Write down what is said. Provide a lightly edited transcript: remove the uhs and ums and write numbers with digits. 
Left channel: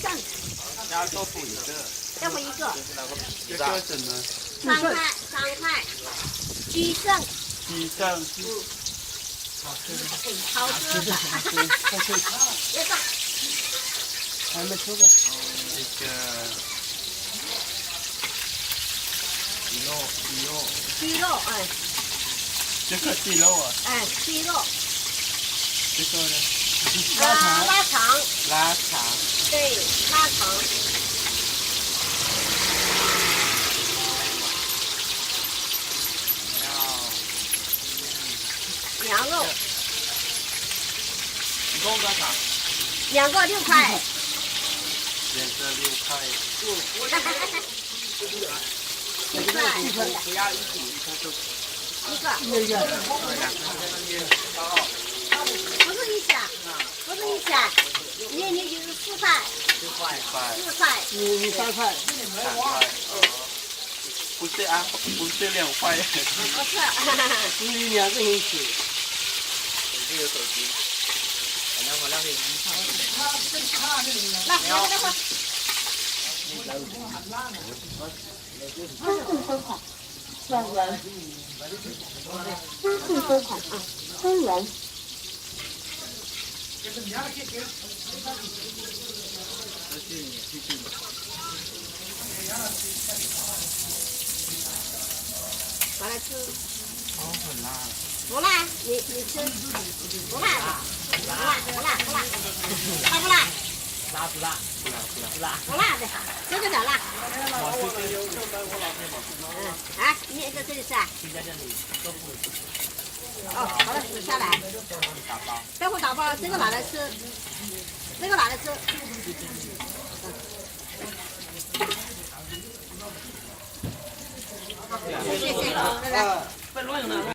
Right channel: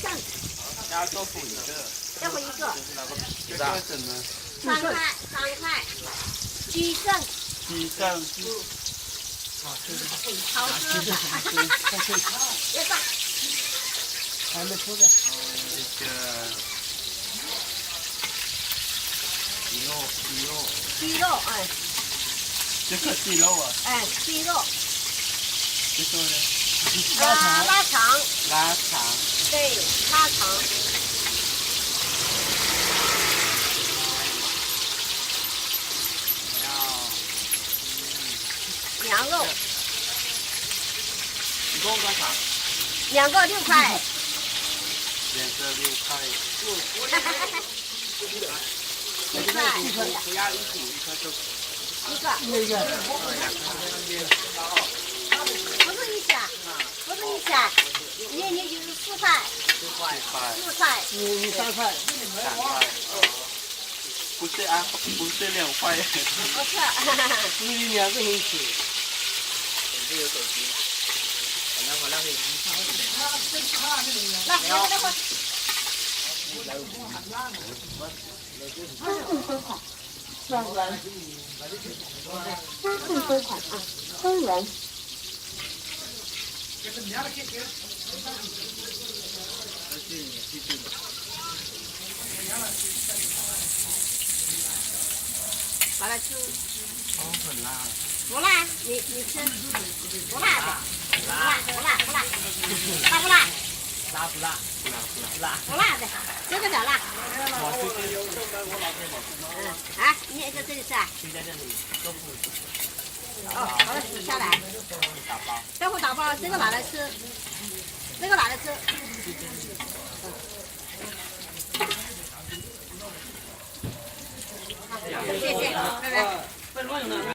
剩。加豆腐一个。豆腐一个。这个什么？3块，鸡剩。鸡剩。好吃的。别放。还没出来。这个鸡肉，哎。这个鸡肉啊。哎，鸡肉。这个呢？腊肠。腊肠。对，腊肠。羊肉。一共多少2个6块。2个6块。7块。不要一组一颗豆腐。一个。不是一下，你就是4块。4块。你3块。3块。不是啊，不是2块。不是。你2个人吃。这有手机。好了，来，3份收款，2元。3份收款啊，3元。拿来吃。很辣。不辣，你吃。不辣的。不辣。辣不辣？辣不辣？不辣的，这个的辣。我这个。你也在这里吃啊？就在这里，豆腐。好了，下来。豆腐打包，这个拿来吃。好，谢谢，拜拜。